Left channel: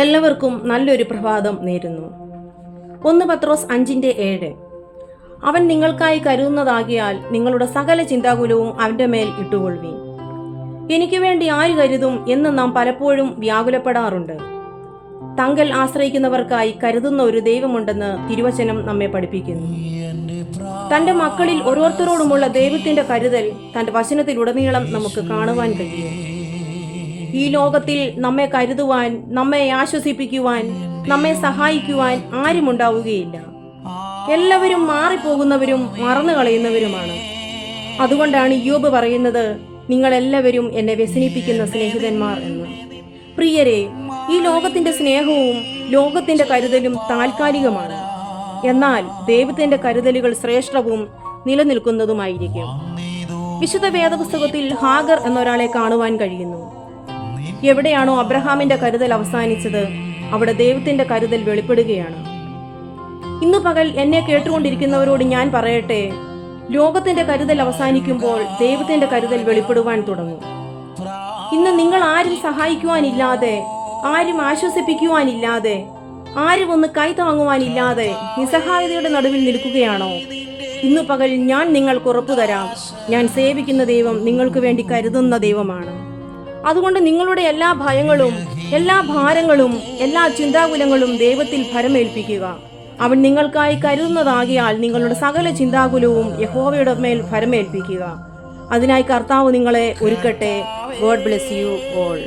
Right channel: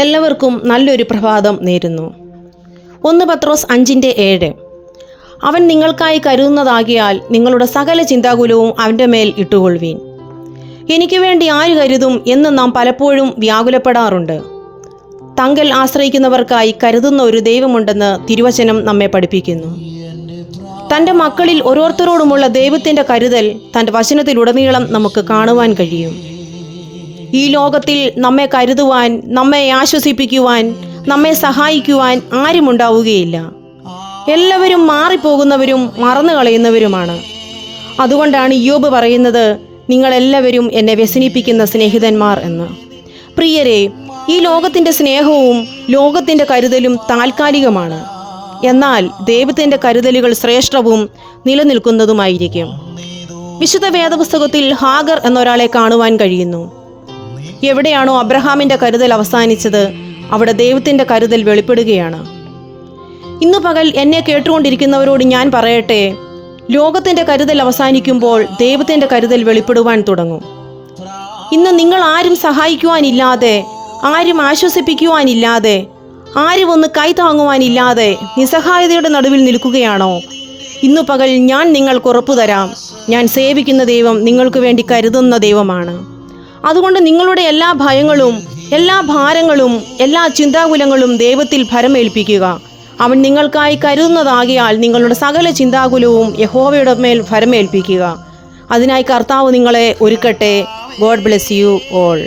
എല്ലാവർക്കും നല്ലൊരു പ്രഭാതം നേരുന്നു. 1 പത്രോസ് 5:7. അവൻ നിങ്ങൾക്കായി കരുതുന്നതാകിയാൽ നിങ്ങളുടെ സകല ചിന്താകുലവും അവൻ്റെ മേൽ ഇട്ടുകൊള്ളുവീൻ. എനിക്ക് വേണ്ടി ആര് കരുതും എന്ന് നാം പലപ്പോഴും വ്യാകുലപ്പെടാറുണ്ട്. തങ്കൽ ആശ്രയിക്കുന്നവർക്കായി കരുതുന്ന ഒരു ദൈവമുണ്ടെന്ന് തിരുവചനം നമ്മെ പഠിപ്പിക്കുന്നു. തൻ്റെ മക്കളിൽ ഓരോരുത്തരോടുമുള്ള ദൈവത്തിൻ്റെ കരുതൽ തൻ്റെ വചനത്തിലുടനീളം നമുക്ക് കാണുവാൻ കഴിയും. ഈ ലോകത്തിൽ നമ്മെ കരുതുവാൻ, നമ്മെ ആശ്വസിപ്പിക്കുവാൻ, നമ്മെ സഹായിക്കുവാൻ ആരുമുണ്ടാവുകയില്ല. എല്ലാവരും മാറിപ്പോകുന്നവരും മറന്നു കളയുന്നവരുമാണ്. അതുകൊണ്ടാണ് ഇയ്യോബ് പറയുന്നത്, നിങ്ങളെല്ലാവരും എന്നെ വ്യസനിപ്പിക്കുന്ന സ്നേഹിതന്മാർ എന്ന്. പ്രിയരെ, ഈ ലോകത്തിൻ്റെ സ്നേഹവും ലോകത്തിൻ്റെ കരുതലും താൽക്കാലികമാണ്. എന്നാൽ ദൈവത്തിൻ്റെ കരുതലുകൾ ശ്രേഷ്ഠവും നിലനിൽക്കുന്നതുമായിരിക്കും. വിശുദ്ധ വേദപുസ്തകത്തിൽ ഹാഗർ എന്നൊരാളെ കാണുവാൻ കഴിയുന്നു. എവിടെയാണോ അബ്രഹാമിൻ്റെ കരുതൽ അവസാനിച്ചത്, അവിടെ ദൈവത്തിൻ്റെ കരുതൽ വെളിപ്പെടുകയാണ്. ഇന്നു പകൽ എന്നെ കേട്ടുകൊണ്ടിരിക്കുന്നവരോട് ഞാൻ പറയട്ടെ, ലോകത്തിൻ്റെ കരുതൽ അവസാനിക്കുമ്പോൾ ദൈവത്തിൻ്റെ കരുതൽ വെളിപ്പെടുവാൻ തുടങ്ങും. ഇന്ന് നിങ്ങൾ ആരും സഹായിക്കുവാനില്ലാതെ, ആരും ആശ്വസിപ്പിക്കുവാനില്ലാതെ, ആരും ഒന്ന് കൈതാങ്ങുവാനില്ലാതെ നിസ്സഹായതയുടെ നടുവിൽ നിൽക്കുകയാണോ? ഇന്നു പകൽ ഞാൻ നിങ്ങൾക്ക് ഉറപ്പു തരാം, ഞാൻ സേവിക്കുന്ന ദൈവം നിങ്ങൾക്ക് വേണ്ടി കരുതുന്ന ദൈവമാണ്. അതുകൊണ്ട് നിങ്ങളുടെ എല്ലാ ഭയങ്ങളും, എല്ലാ ഭാരങ്ങളും, എല്ലാ ചിന്താകുലങ്ങളും ദൈവത്തിൽ ഭരമേൽപ്പിക്കുക. അവൻ നിങ്ങൾക്കായി കരുതുന്നതാകിയാൽ നിങ്ങളുടെ സകല ചിന്താകുലവും യഹോവയുടെ മേൽ ഭരമേൽപ്പിക്കുക. അതിനായി കർത്താവ് നിങ്ങളെ ഒരുക്കട്ടെ. God bless you all.